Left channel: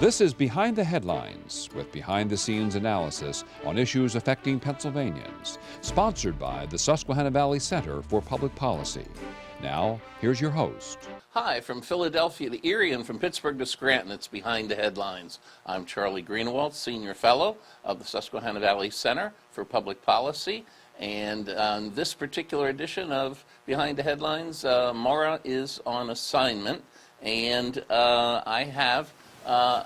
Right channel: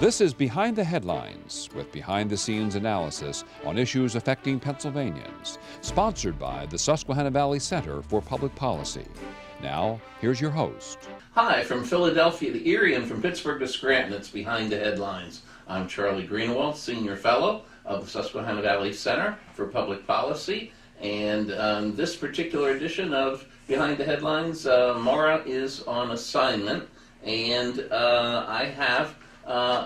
This is Behind the Headlines, with behind-the-scenes analysis on issues affecting Pennsylvanians, sponsored by the Susquehanna Valley Center for Public Policy. Now, here's your host. Hi, from Philadelphia to Erie and from Pittsburgh to Scranton, it's Behind the Headlines. I'm Charlie Greenawalt, Senior Fellow of the Susquehanna Valley Center for Public Policy, and on this particular edition of Behind the Headlines, Maura is on assignment, and I have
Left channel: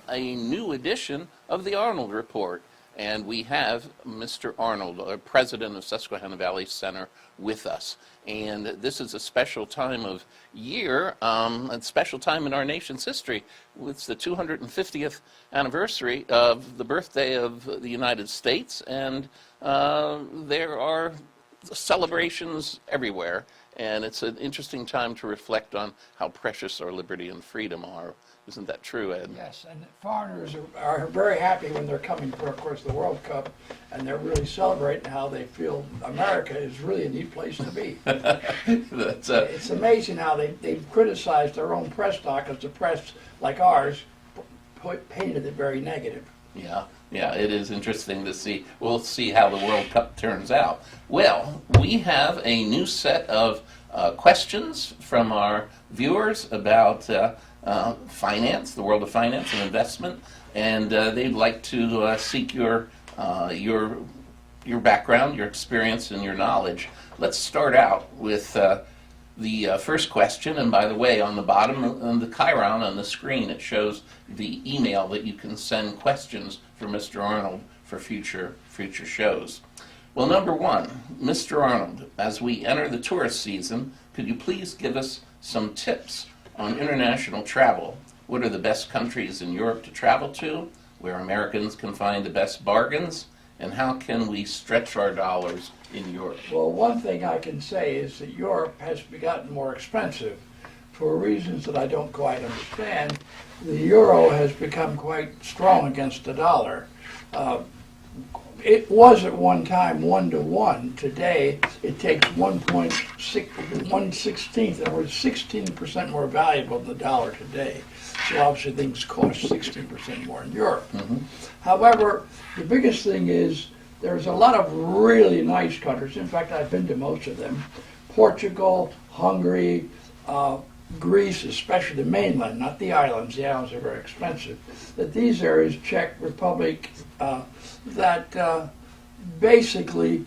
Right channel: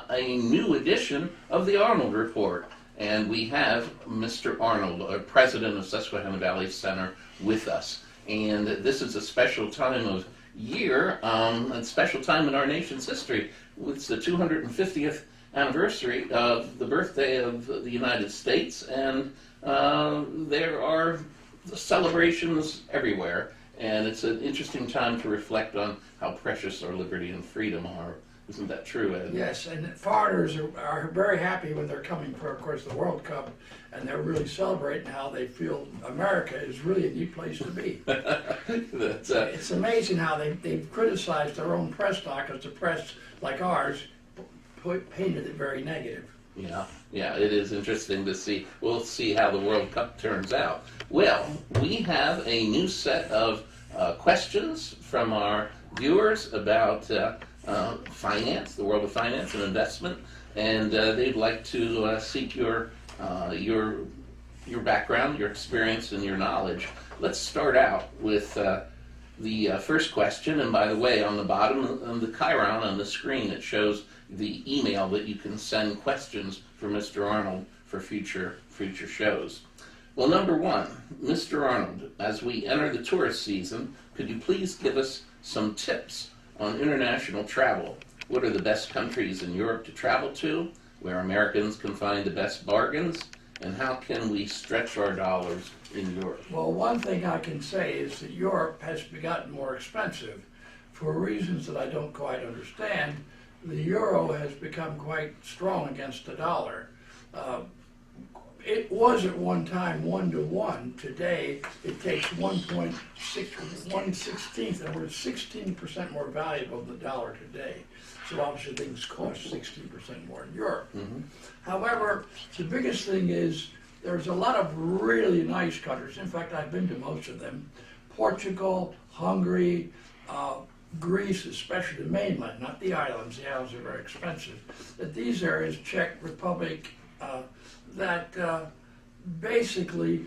a new edition of the Arnold Report, and we have Mr. Arnold, President of Susquehanna Valley Center, with us. And this is a special time of year, a special time in our nation's history. It's the 250th anniversary of the birthday of the United States, and there are celebrations everywhere. And it's an interesting time to reflect on how precious our liberty and freedom are. Isn't that true, Ed? Yes, and foreigners are very happy when they're coming for, of course, the World Cup, and they're really celebrating how they feel America is really a neat place to be. It's amazing how they've criticized their own press now, because the press, like ours, painted it very negative. Yeah, it is interesting to see. We'll see how the World Cup turns out. Well, we have a new set of questions from our viewers about finance, the world of finance and investment, and they'd like to seek your background, your experience, and your knowledge. Let's start out with the first question, and by the way, on the bottom of the chyron on the screen, it shows the email that you can send questions for Mr. Arnold for future shows. Well, number one, Mr. Arnold, as we enter the tourist season, could you please give us some tips on international travel? What are the best countries in Europe to travel to, where Americans can find the best bargains, and how can we stretch our dollars in Europe? Well, one thing I can say is that Europe has gotten more expensive for reasons that I don't quite understand. The euro has become quite strong against the dollar. It was at one time 1-to-1. Today, it takes 1/16, and we're 16% more valuable than the dollar today. So obviously things cost 16% more in Europe. Mm-hmm. However, the biggest thing is there's a lot of really nice countries. In fact, I've been to most of them. Portugal, Hungary, Greece, especially the mainland, not the islands. The islands are very expensive. That these areas, Czech Republic, basically,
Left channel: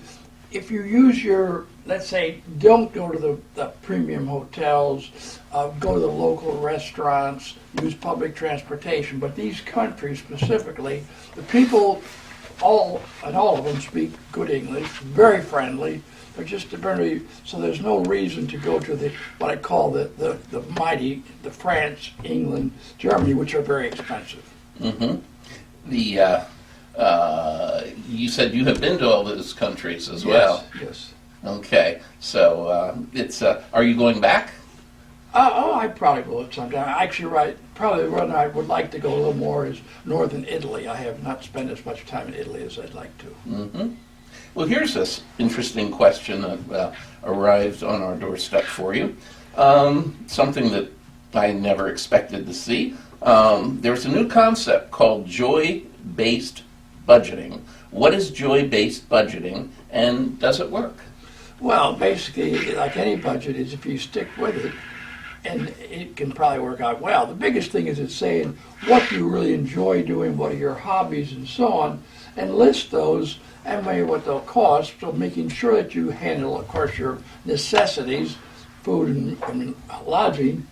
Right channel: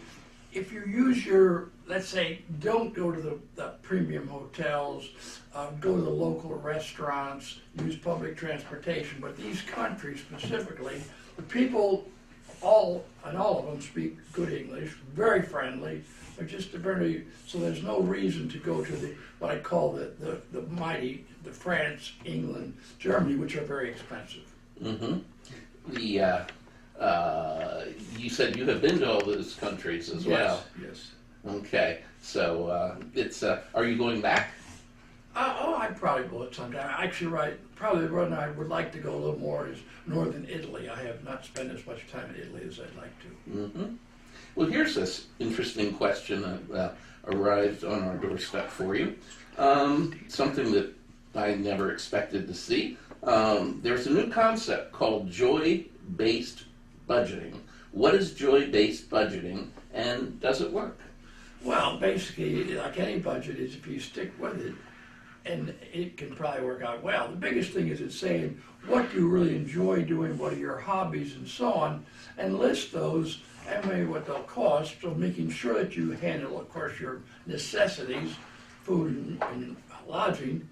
if you use your, let's say, don't go to the premium hotels, go to the local restaurants, use public transportation, but these countries specifically, the people, all of them speak good English, very friendly, but just apparently, so there's no reason to go to what I call the mighty, the France, England, Germany, which are very expensive. Mm-hmm. You said you have been to all those countries as well. Yes. Okay, so are you going back? I probably will at some time. Actually, probably the one I would like to go a little more is northern Italy. I have not spent as much time in Italy as I'd like to. Mm-hmm. Well, here's this interesting question that arrived on our doorstep for you. Something that I never expected to see. There's a new concept called joy-based budgeting. What is joy-based budgeting, and does it work? Well, basically, like any budget, is if you stick with it, and it can probably work out well. The biggest thing is it's saying what do you really enjoy doing, what are your hobbies, and so on, and list those and maybe what they'll cost, so making sure that you handle, of course, your necessities, food and lodging,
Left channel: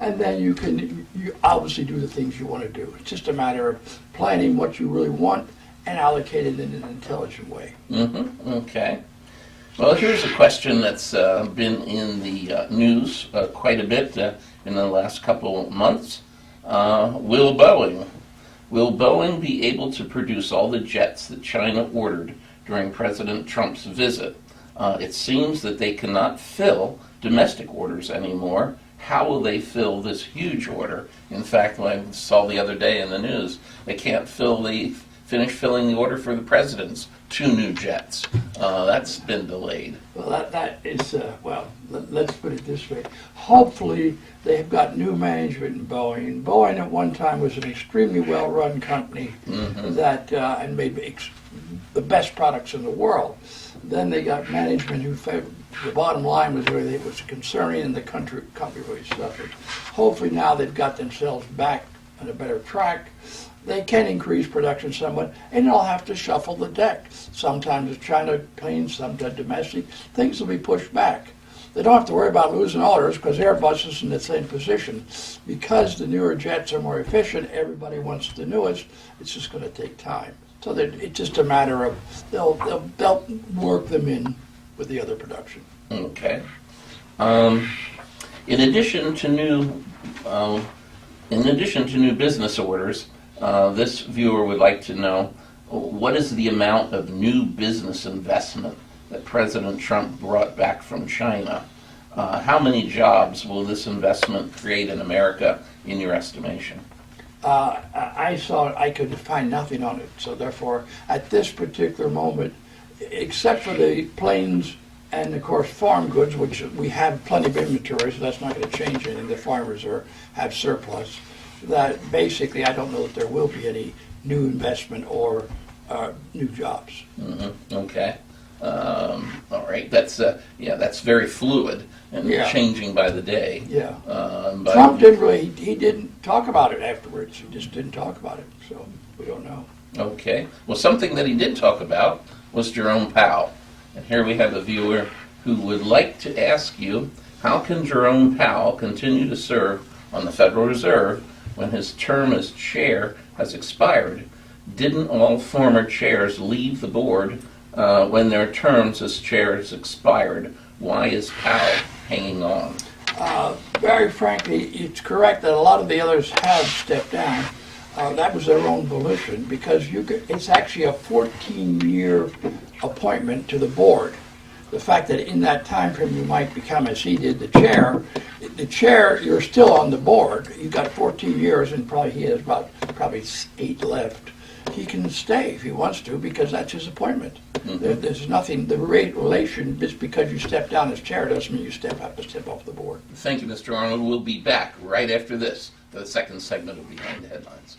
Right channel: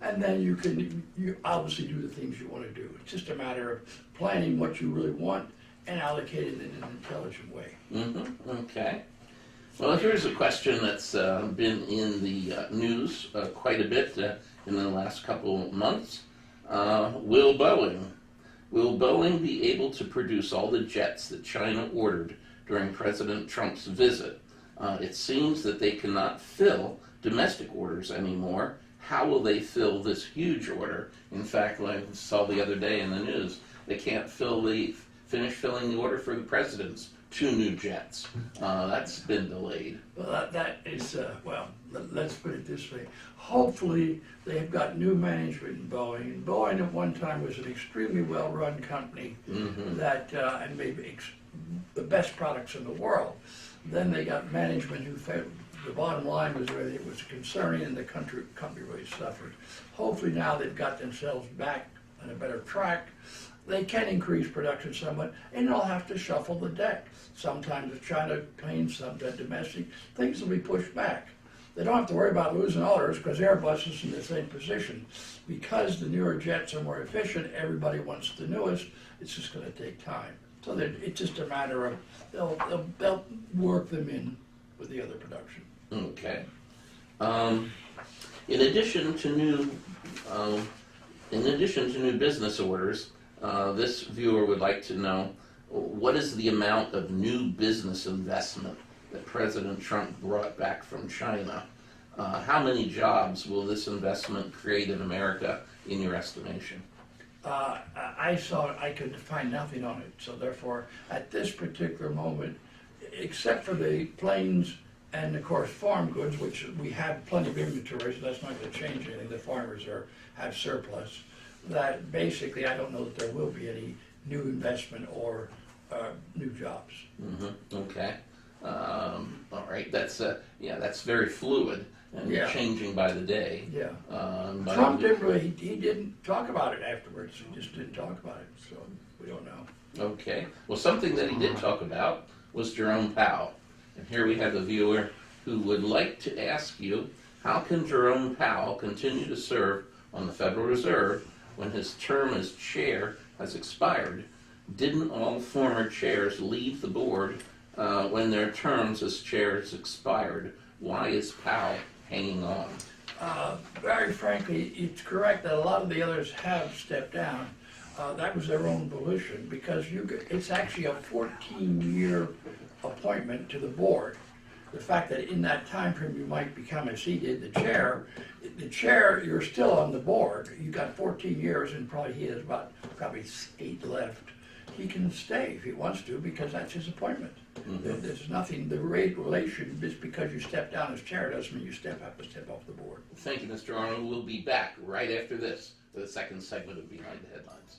and then you obviously do the things you want to do. It's just a matter of planning what you really want and allocate it in an intelligent way. Mm-hmm. Okay. Well, here's a question that's been in the news quite a bit in the last couple of months. Will Boeing be able to produce all the jets that China ordered during President Trump's visit? It seems that they cannot fill domestic orders anymore. How will they fill this huge order? In fact, I saw the other day in the news, they can't fill the finish filling the order for the president's 2 new jets. That's been delayed. Well, that is, let's put it this way. Hopefully, they've got new management in Boeing. And Boeing at one time was an extremely well-run company that and made the best products in the world. Then they got management who favored, the bottom line was really it was concerning and the company really suffered. Hopefully now they've got themselves back on a better track. They can increase production somewhat, and they'll have to shuffle the deck. Sometimes it's China planes, sometimes domestic. Things will be pushed back. They don't have to worry about losing orders because Airbus is in the same position. Because the newer jets are more efficient, everybody wants the newest. It's just going to take time. So that it's just a matter of they'll work them in with the other production. Okay. In addition to new business orders, this viewer would like to know what is the amount of new business investment that President Trump brought back from China? How many jobs will this investment create in America, in your estimation? I could find nothing on it, so therefore, at this particular moment, except for the planes and of course farm goods, which we have plenty of inventory, so that's not going to change anything. The farmers have surplus. That basically, I don't know that there will be any new investment or new jobs. Okay. All right. That's very fluid and changing by the day. Yeah. But Trump he didn't talk about it afterwards. He just didn't talk about it, so we don't know. Okay. Well, something that he did talk about was Jerome Powell. And here we have a viewer who would like to ask you, how can Jerome Powell continue to serve on the Federal Reserve when his term as chair has expired? Didn't all former chairs leave the board when their terms as chairs expired? Why is Powell hanging on? Very frankly, it's correct that a lot of the others have stepped down. That was their own volition because it's actually a 14-year appointment to the board. The fact that in that time frame you might become, as he did, the chair, you're still on the board. You've got 14 years and he has probably 8 left. He can stay if he wants to because that's his appointment. There's nothing, the relation, just because you step down as chair doesn't mean you have to step off the board. Thank you, Mr. Arnold. We'll be back right after this for the second segment of Behind the Headlines.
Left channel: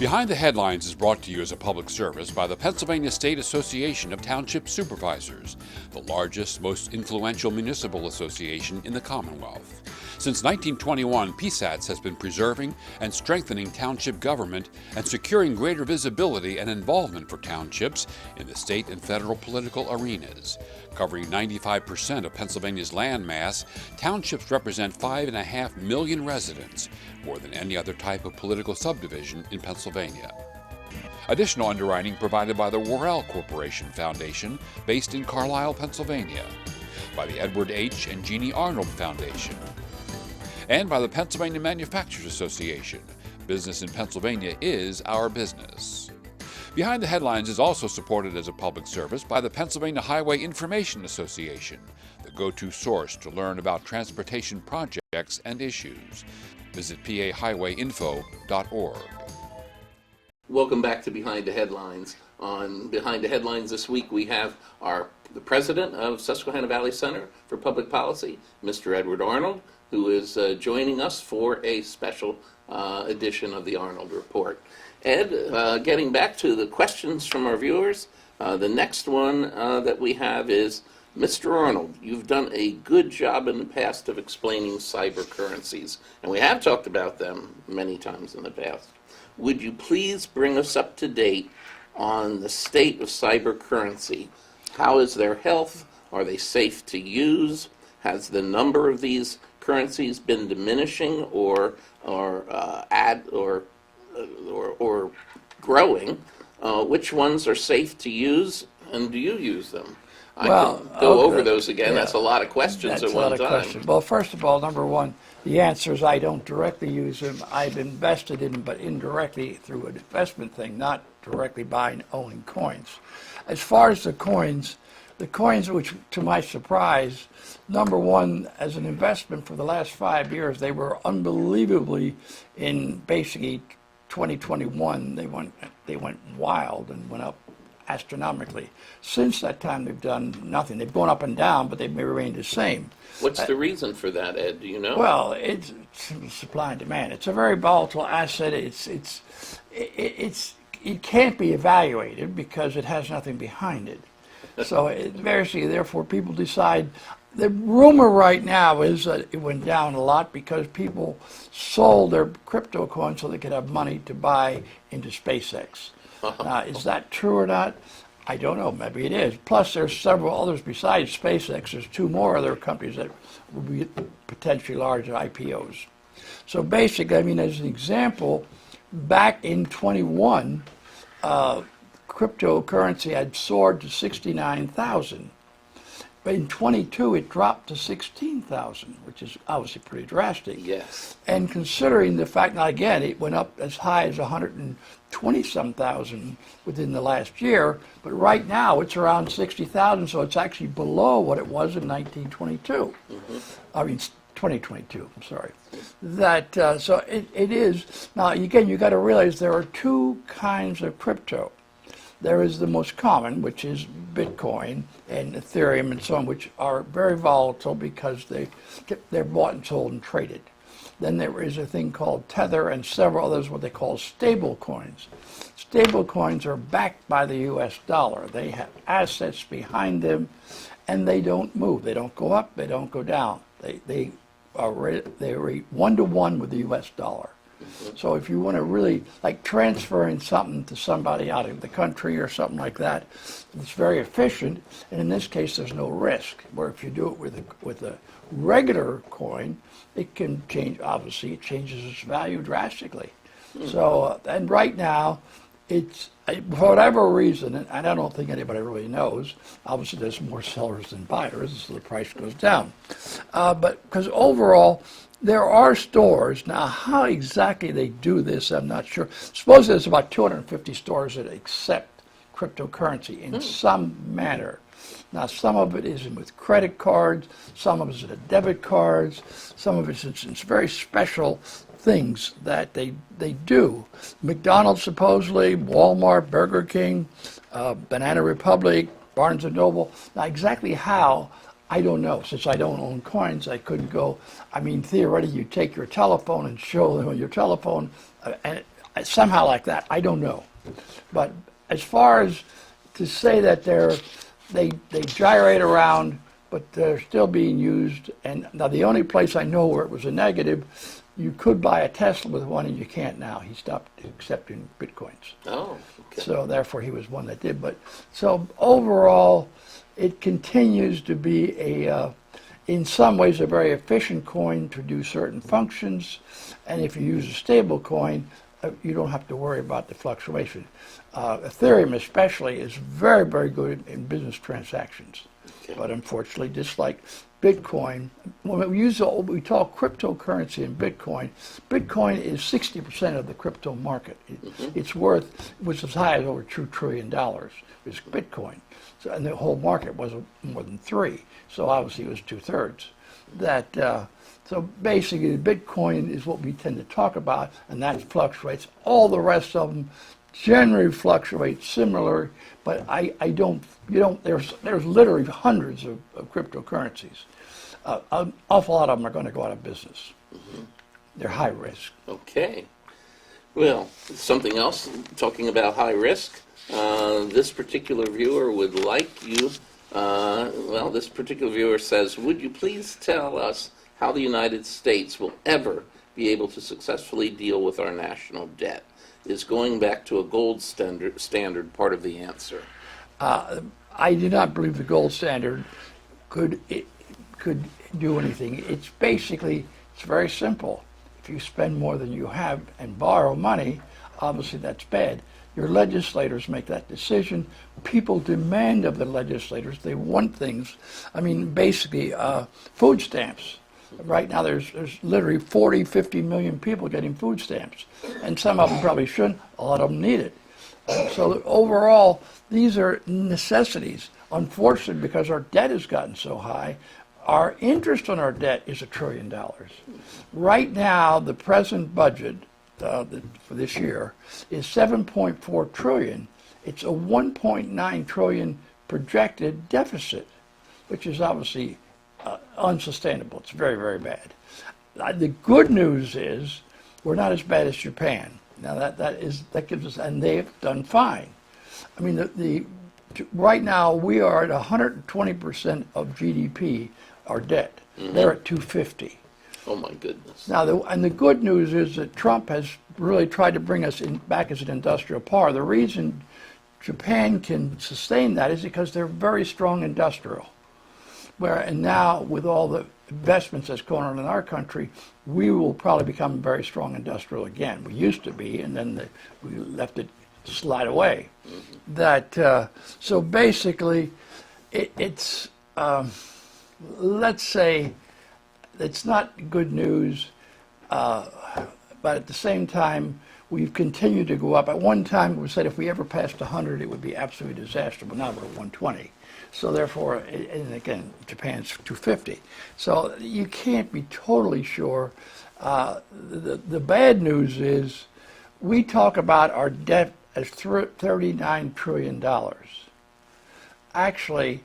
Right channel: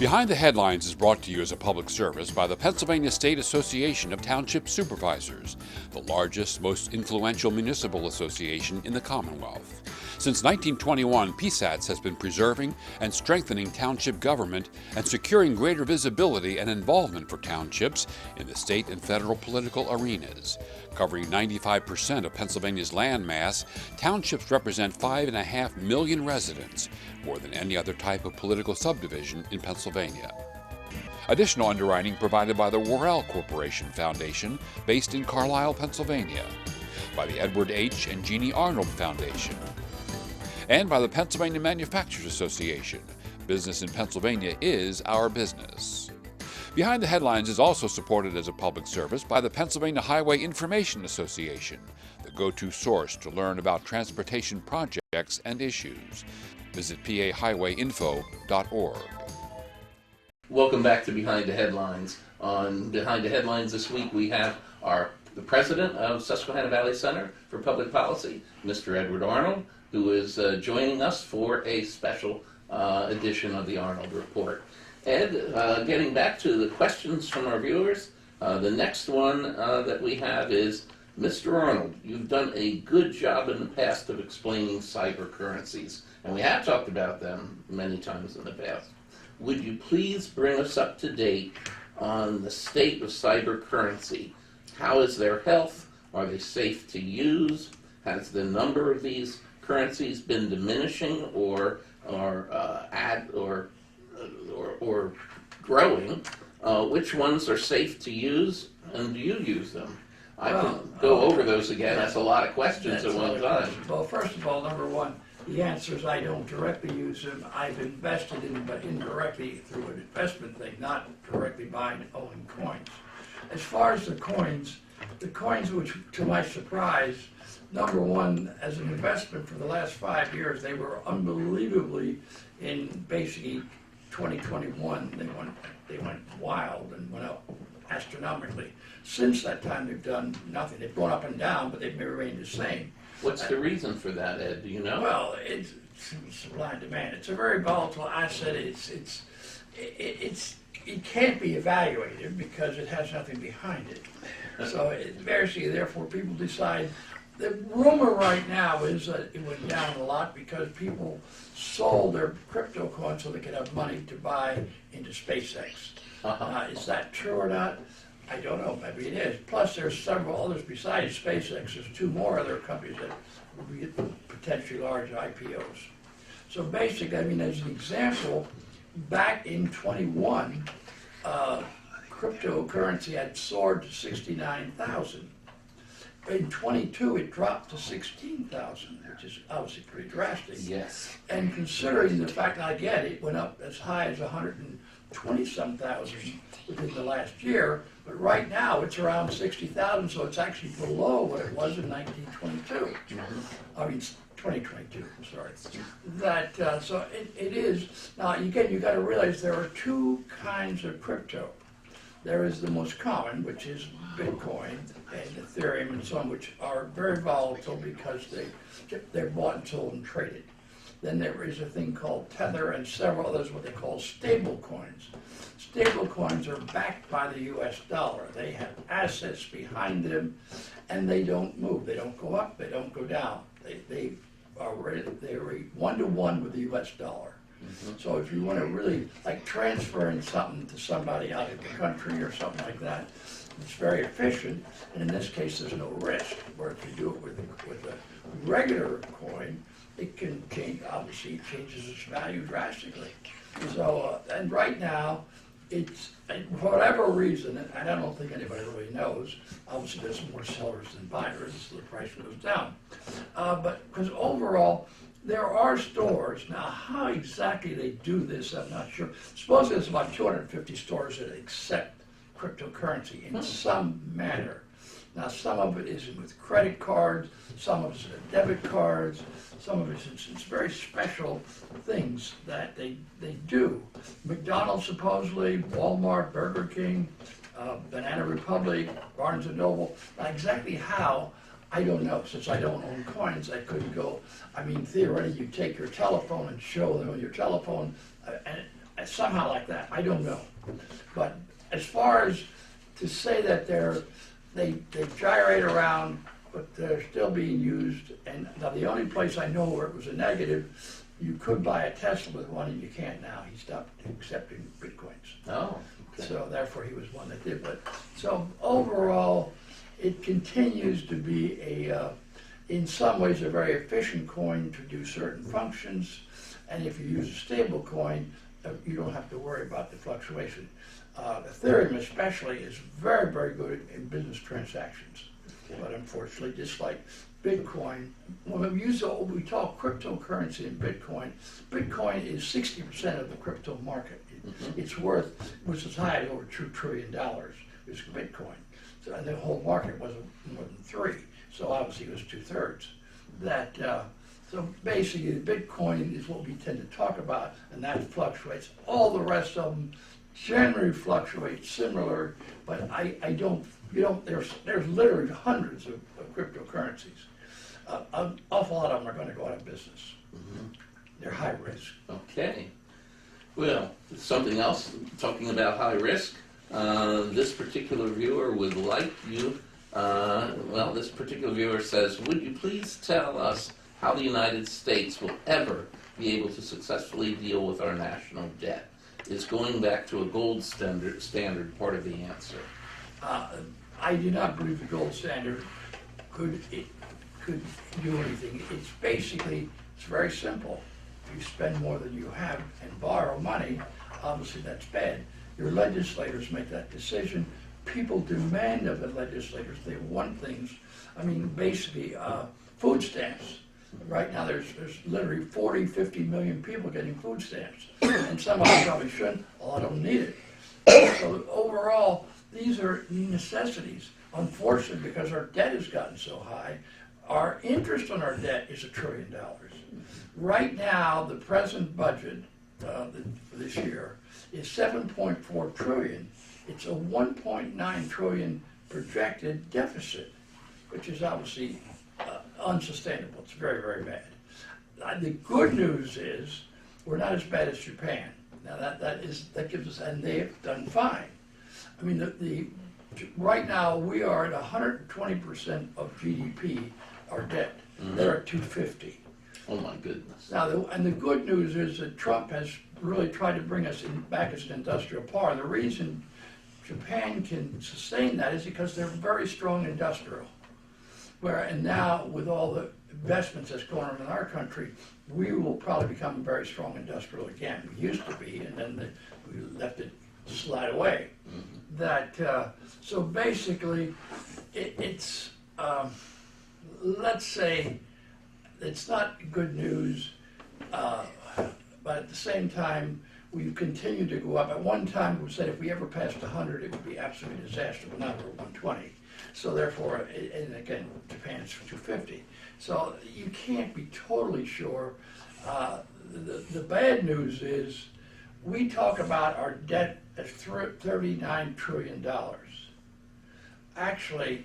Behind the Headlines is brought to you as a public service by the Pennsylvania State Association of Township Supervisors, the largest, most influential municipal association in the Commonwealth. Since 1921, PSATS has been preserving and strengthening township government and securing greater visibility and involvement for townships in the state and federal political arenas. Covering 95% of Pennsylvania's land mass, townships represent 5.5 million residents, more than any other type of political subdivision in Pennsylvania. Additional underwriting provided by the Worrell Corporation Foundation, based in Carlisle, Pennsylvania, by the Edward H. and Jeannie Arnold Foundation, and by the Pennsylvania Manufacturers Association. Business in Pennsylvania is our business. Behind the Headlines is also supported as a public service by the Pennsylvania Highway Information Association, the go-to source to learn about transportation projects and issues. Visit pahighwayinfo.org. Welcome back to Behind the Headlines. On Behind the Headlines this week, we have the president of Susquehanna Valley Center for Public Policy, Mr. Edward Arnold, who is joining us for a special edition of the Arnold Report. Ed, getting back to the questions from our viewers, the next one that we have is, Mr. Arnold, you've done a good job in the past of explaining cybercurrencies, and we have talked about them many times in the past. Would you please bring us up to date on the state of cybercurrency? How is their health? Are they safe to use? Has the number of these currencies been diminishing or growing? Which ones are safe to use, and do you use them? I can go over those again. Yeah. That's a lot of questions at one time. Well, first of all, number one, the answer is I don't directly use them. I've invested in them, but indirectly through an investment thing, not directly buying, owning coins. As far as the coins, which, to my surprise, number one, as an investment for the last 5 years, they were unbelievably, in basically 2021, they went they went wild and went up astronomically. Since that time, they've done nothing. They've gone up and down, but they've remained the same. What's the reason for that, Ed? Do you know? Well, it's supply and demand. It's a very volatile asset. It can't be evaluated because it has nothing behind it. So therefore, people decide. The rumor right now is that it went down a lot because people sold their crypto coins so they could have money to buy into SpaceX. Is that true or not? I don't know. Maybe it is. Plus, there's several others besides SpaceX. There's two more other companies that will be potentially large IPOs. So basically, I mean, as an example, back in 21, cryptocurrency had soared to 69,000. But in 22, it dropped to 16,000, which is obviously pretty drastic. Yes. And considering the fact, now again, it went up as high as 120-some thousand within the last year, but right now it's around 60,000, so it's actually below what it was in 1922. I mean, 2022, I'm sorry. So it is. Now, again, you got to realize there are two kinds of crypto. There is the most common, which is Bitcoin and Ethereum and so on, which are very volatile because they're bought and sold and traded. Then there is a thing called Tether and several others, what they call stable coins. Stable coins are backed by the US dollar. They have assets behind them and they don't move. They don't go up, they don't go down. They are 1-to-1 with the US dollar. So if you want to really, like transferring something to somebody out of the country or something like that, it's very efficient, and in this case there's no risk. Where if you do it with a regular coin, it can change, obviously it changes its value drastically. So, and right now, it's, for whatever reason, and I don't think anybody really knows, obviously there's more sellers than buyers, so the price goes down. But because overall, there are stores. Now, how exactly they do this, I'm not sure. Suppose there's about 250 stores that accept cryptocurrency in some manner. Now, some of it is with credit cards, some of it is with debit cards, some of it's very special things that they do. McDonald's supposedly, Walmart, Burger King, Banana Republic, Barnes & Noble. Now, exactly how, I don't know. Since I don't own coins, I couldn't go. I mean, theoretically, you take your telephone and show them on your telephone, and somehow like that. I don't know. But as far as to say that they gyrate around, but they're still being used. And now the only place I know where it was a negative, you could buy a Tesla with one, and you can't now. He stopped accepting Bitcoins. Oh, okay. So therefore, he was one that did. But so overall, it continues to be in some ways, a very efficient coin to do certain functions. And if you use a stable coin, you don't have to worry about the fluctuation. Ethereum especially is very, very good in business transactions. Okay. But unfortunately, just like Bitcoin, when we talk cryptocurrency and Bitcoin, Bitcoin is 60% of the crypto market. It's worth, which is high as over $2 trillion, is Bitcoin. So, and the whole market was more than 3. So obviously it was 2/3. So basically, Bitcoin is what we tend to talk about, and that fluctuates. All the rest of them generally fluctuate similar, but there's literally hundreds of cryptocurrencies. An awful lot of them are going to go out of business. They're high risk. Okay. Well, something else, talking about high risk, this particular viewer would like you, this particular viewer says, would you please tell us how the United States will ever be able to successfully deal with our national debt? Is going back to a gold standard part of the answer? I do not believe the gold standard could do anything. It's very simple. If you spend more than you have and borrow money, obviously that's bad. Your legislators make that decision. People demand of the legislators. They want things. I mean, basically, food stamps. Right now, there's literally 40, 50 million people getting food stamps. And some of them probably shouldn't. A lot of them need it. So overall, these are necessities. Unfortunately, because our debt has gotten so high, our interest on our debt is $1 trillion. Right now, the present budget, for this year is 7.4 trillion. It's a 1.9 trillion projected deficit, which is obviously unsustainable. It's very, very bad. The good news is we're not as bad as Japan. Now that gives us, and they've done fine. I mean, right now we are at 120% of GDP, our debt. Mm-hmm. They're at 250. Oh my goodness. Now, the good news is that Trump has really tried to bring us back as an industrial power. The reason Japan can sustain that is because they're very strong industrial. And now with all the investments that's going on in our country, we will probably become very strong industrial again. We used to be, and then we left it slide away. Mm-hmm. So basically, it's let's say it's not good news, but at the same time, we've continued to go up. At one time, we said if we ever passed 100, it would be absolutely disaster, but now we're at 120. So therefore, and again, Japan's 250. So you can't be totally sure. The bad news is we talk about our debt as $39 trillion. Actually,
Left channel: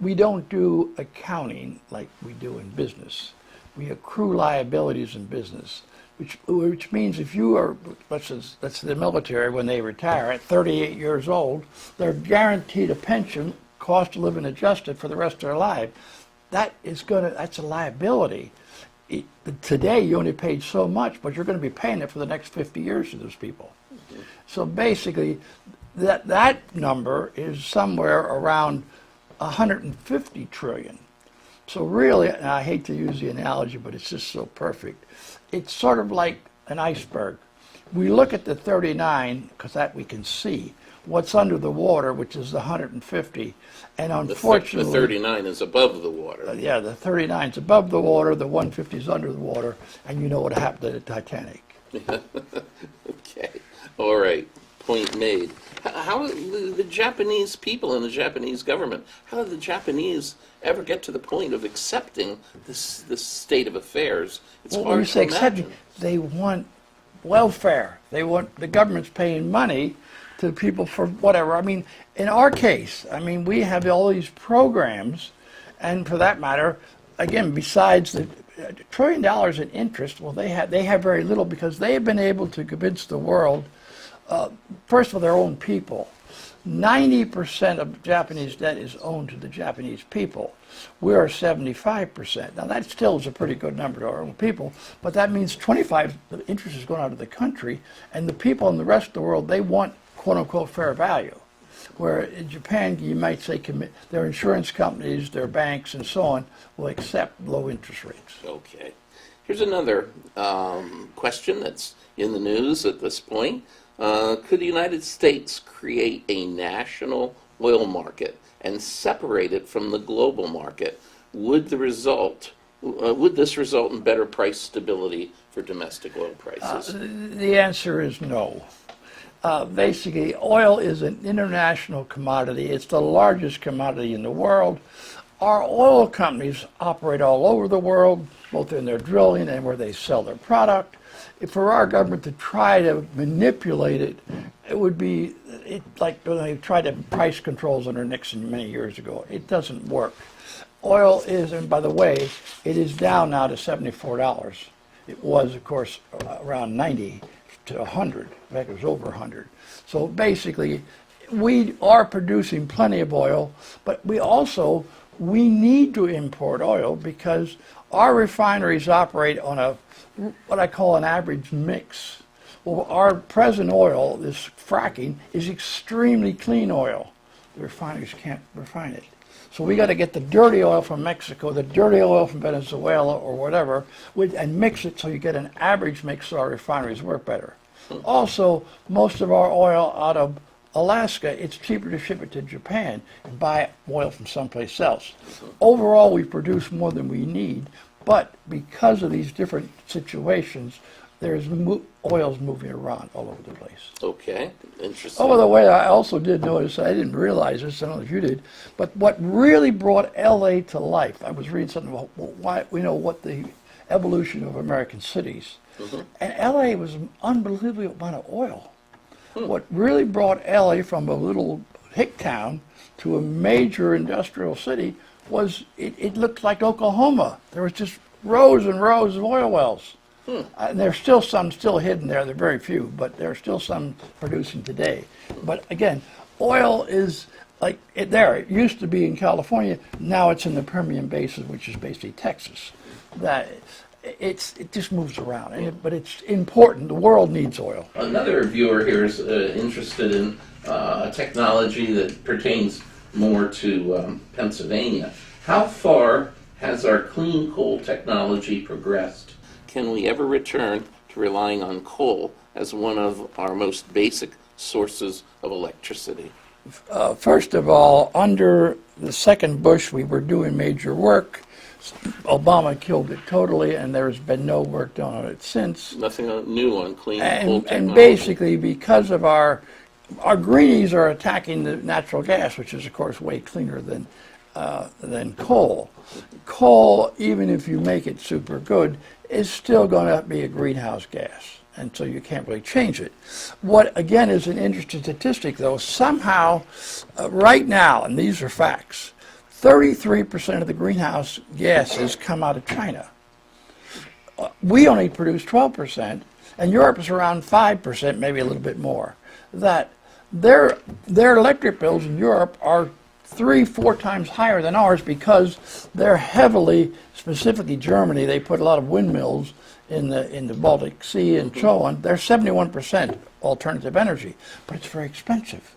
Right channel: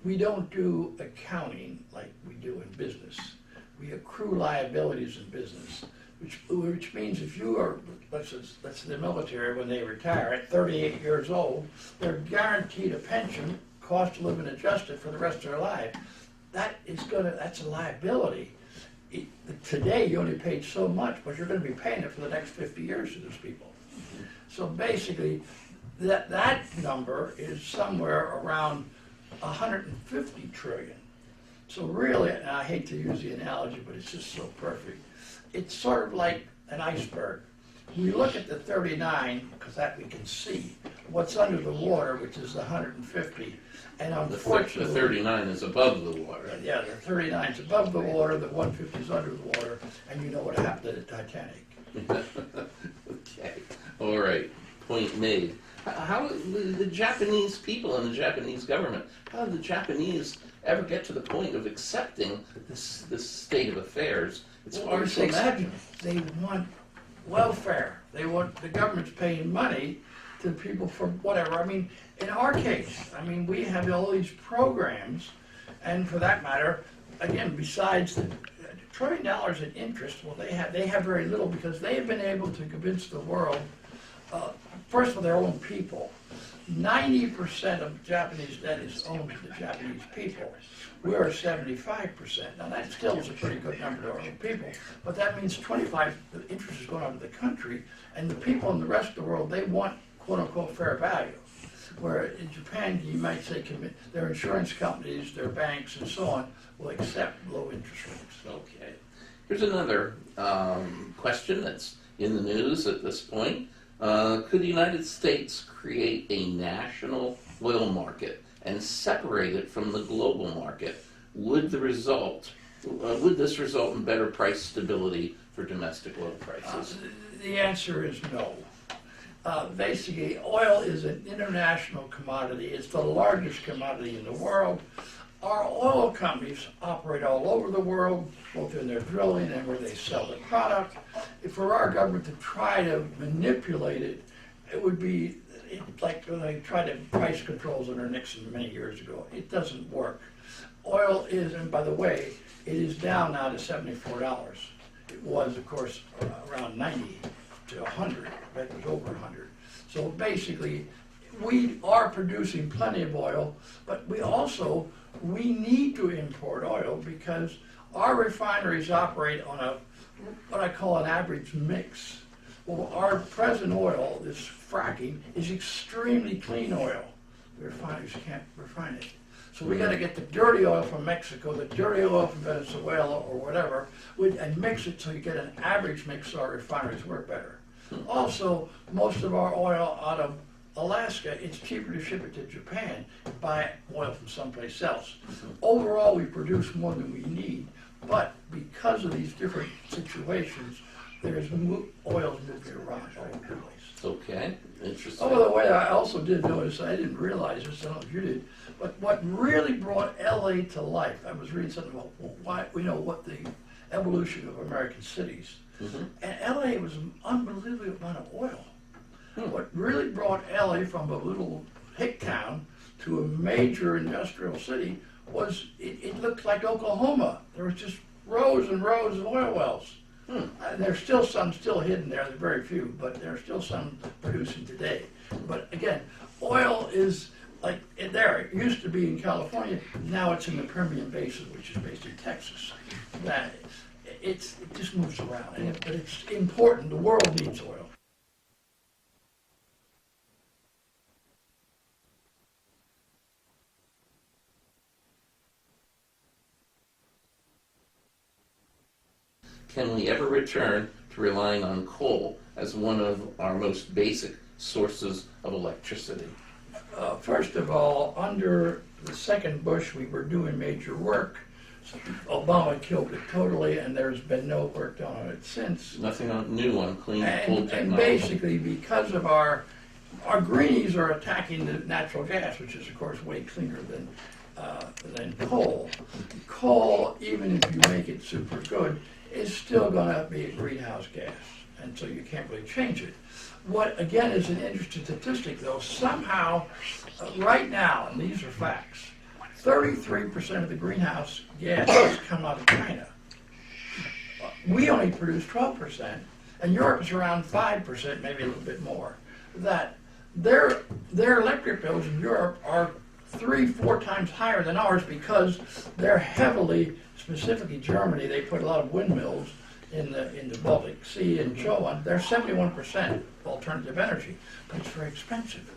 we don't do accounting like we do in business. We accrue liabilities in business, which means if you are, that's the military, when they retire at 38 years old, they're guaranteed a pension, cost of living adjusted for the rest of their life. That's a liability. Today you only paid so much, but you're going to be paying it for the next 50 years to those people. Mm-hmm. So basically, that number is somewhere around 150 trillion. So really, and I hate to use the analogy, but it's just so perfect. It's sort of like an iceberg. We look at the 39, because that we can see. What's under the water, which is the 150, and unfortunately... The 39 is above the water. Yeah, the 39 is above the water, the 150 is under the water, and you know what happened to the Titanic. Okay, all right, point made. How do the Japanese people and the Japanese government, how did the Japanese ever get to the point of accepting this state of affairs? It's hard to imagine. They want welfare. They want the government's paying money to people for whatever. I mean, in our case, we have all these programs, and for that matter, again, besides the $1 trillion in interest, well, they have very little because they have been able to convince the world, first of all, their own people. 90% of Japanese debt is owed to the Japanese people. We are 75%. Now that still is a pretty good number to our own people, but that means 25, the interest is going out of the country, and the people in the rest of the world, they want quote unquote fair value. Where in Japan, you might say their insurance companies, their banks, and so on will accept low interest rates. Okay. Here's another question that's in the news at this point. Could the United States create a national oil market and separate it from the global market? Would this result in better price stability for domestic oil prices? The answer is no. Basically, oil is an international commodity. It's the largest commodity in the world. Our oil companies operate all over the world, both in their drilling and where they sell their product. For our government to try to manipulate it, it would be like when they tried to price controls under Nixon many years ago. It doesn't work. Oil is, and by the way, it is down now to $74. It was, of course, around 90 to 100. In fact, it was over 100. So basically, we are producing plenty of oil, but we need to import oil because our refineries operate on what I call an average mix. Well, our present oil, this fracking, is extremely clean oil. The refineries can't refine it. So we got to get the dirty oil from Mexico, the dirty oil from Venezuela or whatever, and mix it so you get an average mix so our refineries work better. Also, most of our oil out of Alaska, it's cheaper to ship it to Japan and buy oil from someplace else. Overall, we produce more than we need, but because of these different situations, there's oil's moving around all over the place. Okay, interesting. Oh, by the way, I also did notice, I didn't realize this, I don't know if you did, but what really brought LA to life, I was reading something about what the evolution of American cities. And LA was an unbelievable amount of oil. What really brought LA from a little hick town to a major industrial city was it looked like Oklahoma. There was just rows and rows of oil wells. There's still some still hidden there. There are very few, but there are still some producing today. But again, oil is like it used to be in California. Now it's in the Permian Basin, which is basically Texas. That it just moves around, but it's important. The world needs oil. Another viewer here is interested in technology that pertains more to Pennsylvania. How far has our clean coal technology progressed? Can we ever return to relying on coal as one of our most basic sources of electricity? First of all, under the second Bush, we were doing major work. Obama killed it totally, and there's been no work done on it since. Nothing new on clean coal technology. And basically, because of our greenies are attacking the natural gas, which is of course way cleaner than coal. Coal, even if you make it super good, is still going to be a greenhouse gas, and so you can't really change it. What again is an interesting statistic, though, somehow right now, and these are facts, 33% of the greenhouse gases come out of China. We only produce 12%, and Europe is around 5%, maybe a little bit more. That their electric bills in Europe are 3-4 times higher than ours because they're heavily, specifically Germany, they put a lot of windmills in the Baltic Sea and so on. They're 71% alternative energy, but it's very expensive.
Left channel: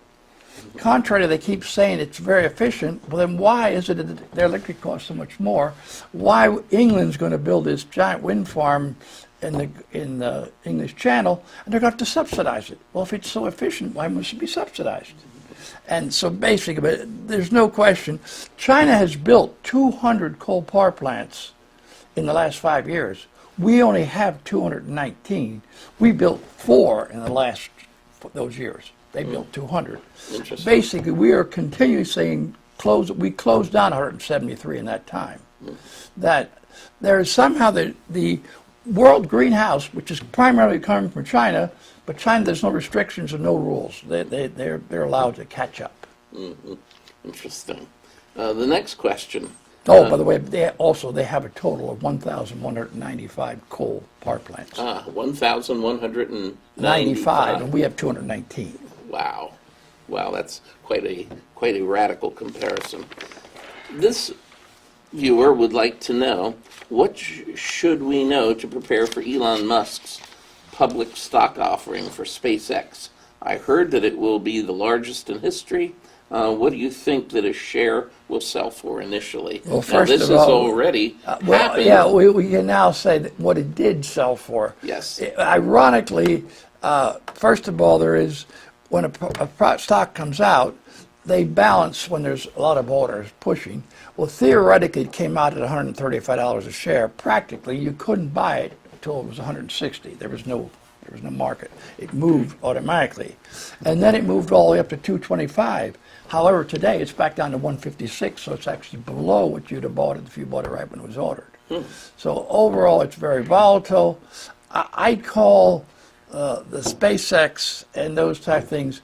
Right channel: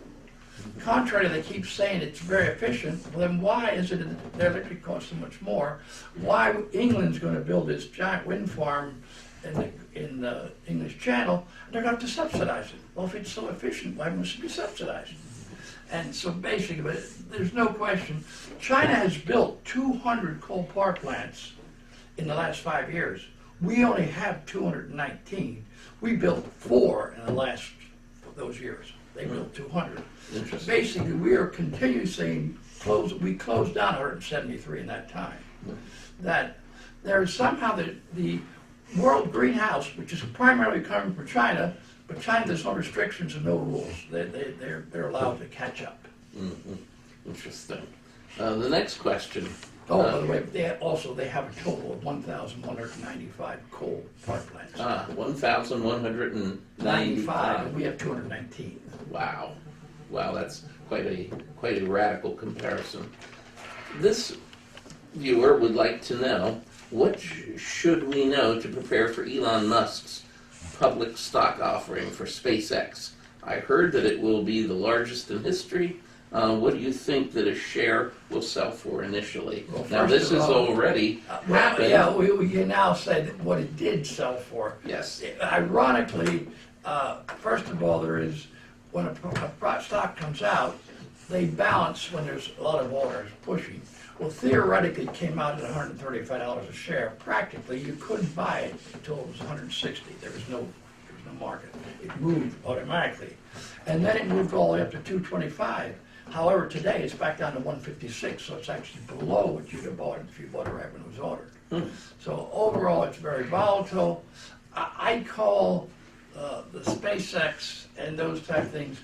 Contrary, they keep saying it's very efficient. Well, then why is it that their electric costs so much more? Why England's going to build this giant wind farm in the English Channel, and they're going to have to subsidize it? Well, if it's so efficient, why must it be subsidized? And so basically, but there's no question, China has built 200 coal power plants in the last 5 years. We only have 219. We built 4 in the last those years. They built 200. Basically, we are continually saying we closed down 173 in that time. That there is somehow the world greenhouse, which is primarily coming from China, but China, there's no restrictions and no rules. They're allowed to catch up. Interesting. The next question. Oh, by the way, they have a total of 1,195 coal power plants. 1,195. And we have 219. Wow, that's quite a radical comparison. This viewer would like to know, what should we know to prepare for Elon Musk's public stock offering for SpaceX? I heard that it will be the largest in history. What do you think that a share will sell for initially? Well, now, this is already happened. Yeah, we can now say that what it did sell for. Yes. Ironically, first of all, there is, when a stock comes out, they balance when there's a lot of orders pushing. Well, theoretically, it came out at $135 a share. Practically, you couldn't buy it until it was 160. There was no market. It moved automatically, and then it moved all the way up to 225. However, today it's back down to 156, so it's actually below what you'd have bought it if you bought it right when it was ordered. So overall, it's very volatile. I call the SpaceX and those type things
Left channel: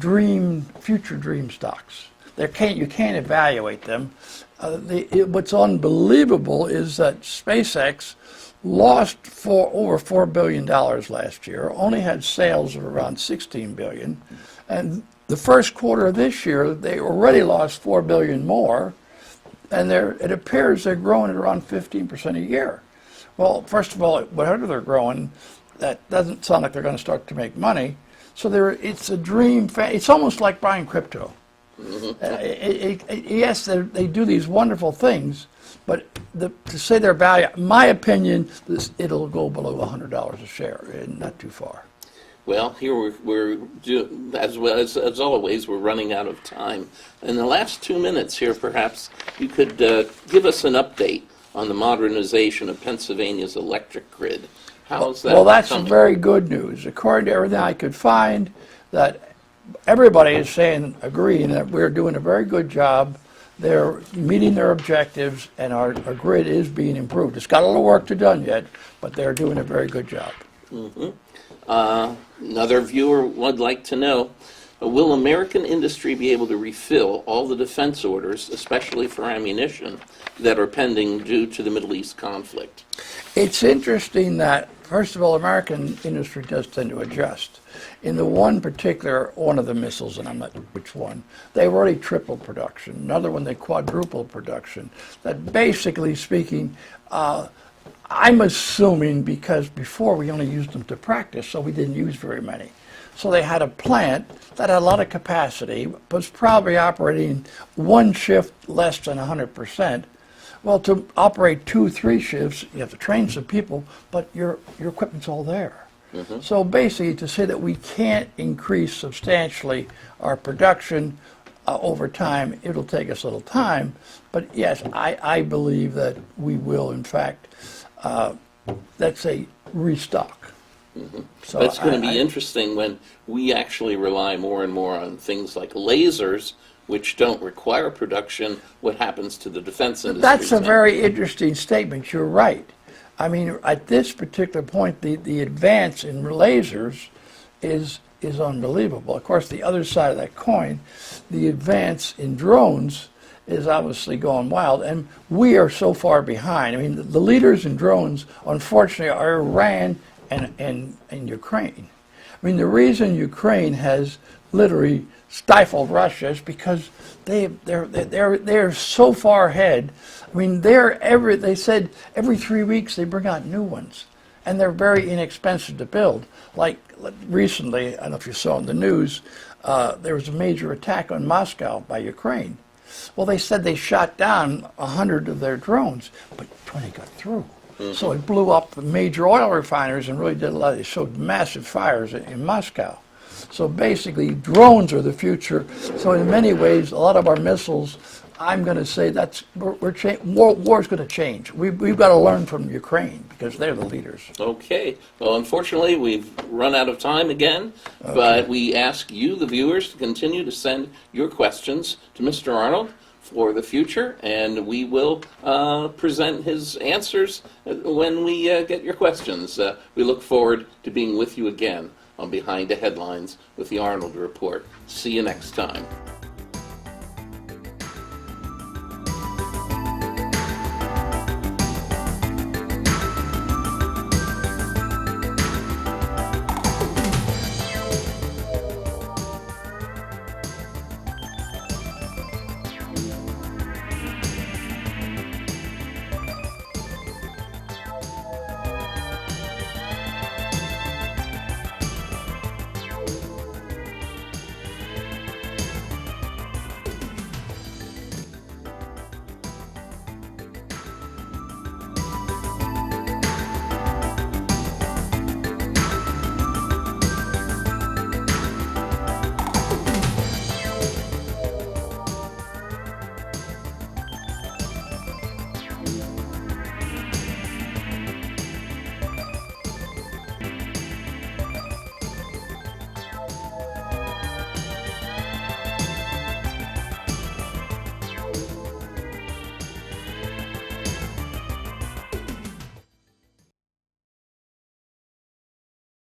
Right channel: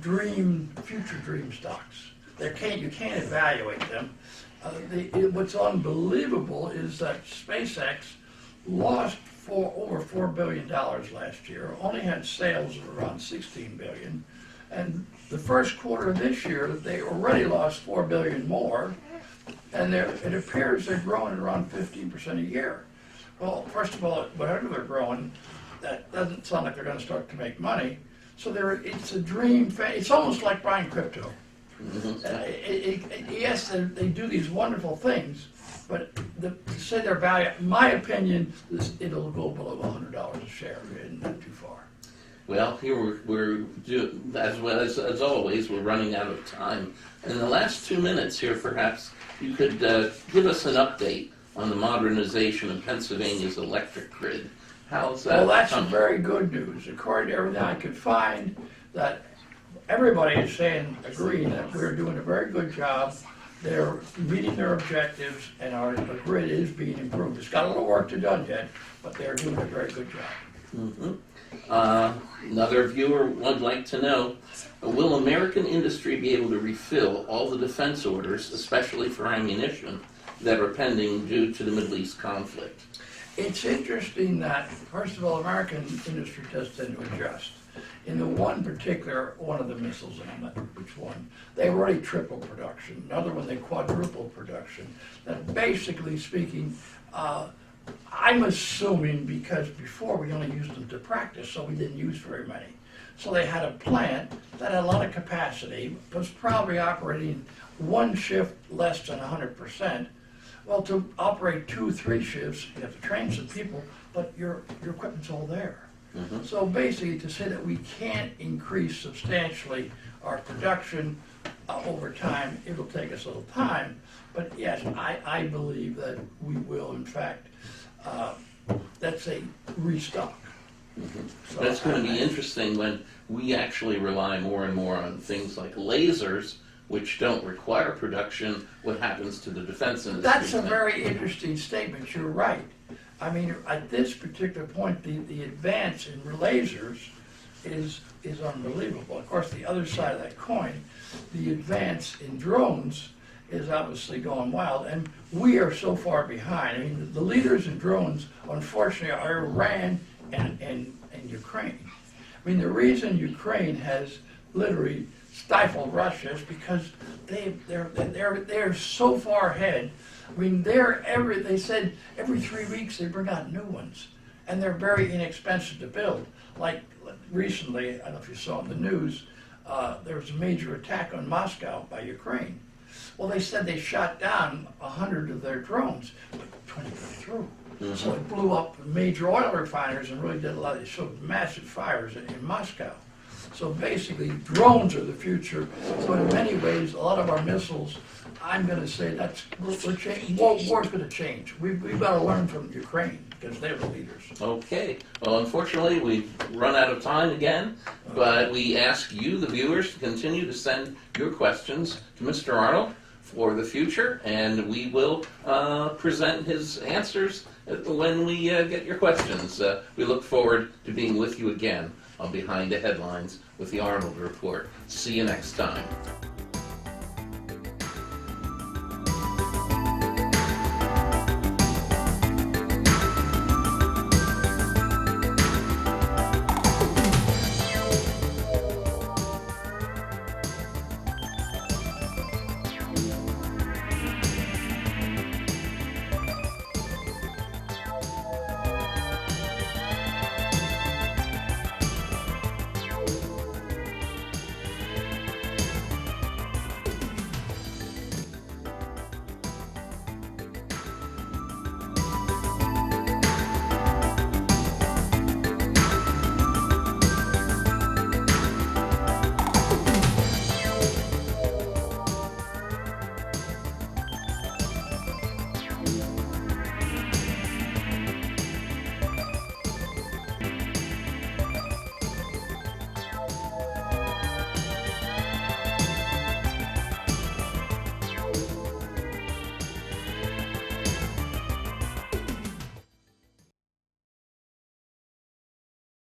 future dream stocks. You can't evaluate them. What's unbelievable is that SpaceX lost over $4 billion last year, only had sales of around $16 billion, and the first quarter of this year, they already lost $4 billion more, and it appears they're growing at around 15% a year. Well, first of all, whatever they're growing, that doesn't sound like they're going to start to make money. So it's a dream. It's almost like buying crypto. Yes, they do these wonderful things, but to say their value, in my opinion, it'll go below $100 a share, and not too far. Well, here we're as always, we're running out of time. In the last 2 minutes here, perhaps you could give us an update on the modernization of Pennsylvania's electric grid. How's that? Well, that's very good news. According to everything I could find, that everybody is agreeing that we're doing a very good job they're meeting their objectives, and our grid is being improved. It's got a little work to be done yet, but they're doing a very good job. Another viewer would like to know, will American industry be able to refill all the defense orders, especially for ammunition, that are pending due to the Middle East conflict? It's interesting that, first of all, American industry does tend to adjust. In the one of the missiles, and I'm not which one, they've already tripled production. Another one, they quadrupled production. That basically speaking, I'm assuming because before we only used them to practice, so we didn't use very many. So they had a plant that had a lot of capacity, was probably operating one shift less than 100%. Well, to operate 2-3 shifts, you have to train some people, but your equipment's all there. So basically, to say that we can't increase substantially our production over time, it'll take us a little time. But yes, I believe that we will, in fact, let's say, restock. So That's going to be interesting when we actually rely more and more on things like lasers, which don't require production. What happens to the defense industry? That's a very interesting statement. You're right. I mean, at this particular point, the advance in lasers is unbelievable. Of course, the other side of that coin, the advance in drones is obviously going wild, and we are so far behind. I mean, the leaders in drones, unfortunately, are Iran and Ukraine. I mean, the reason Ukraine has literally stifled Russia is because they're so far ahead. I mean, they said every 3 weeks they bring out new ones, and they're very inexpensive to build. Like recently, I don't know if you saw in the news, there was a major attack on Moscow by Ukraine. Well, they said they shot down 100 of their drones, but 20 got through. So it blew up the major oil refiners and really did a lot. It showed massive fires in Moscow. So basically, drones are the future. So in many ways, a lot of our missiles, I'm going to say war's going to change. We've got to learn from Ukraine because they're the leaders. Okay. Well, unfortunately, we've run out of time again, but we ask you, the viewers, to continue to send your questions to Mr. Arnold for the future, and we will present his answers when we get your questions. We look forward to being with you again on Behind the Headlines with the Arnold Report. See you next time.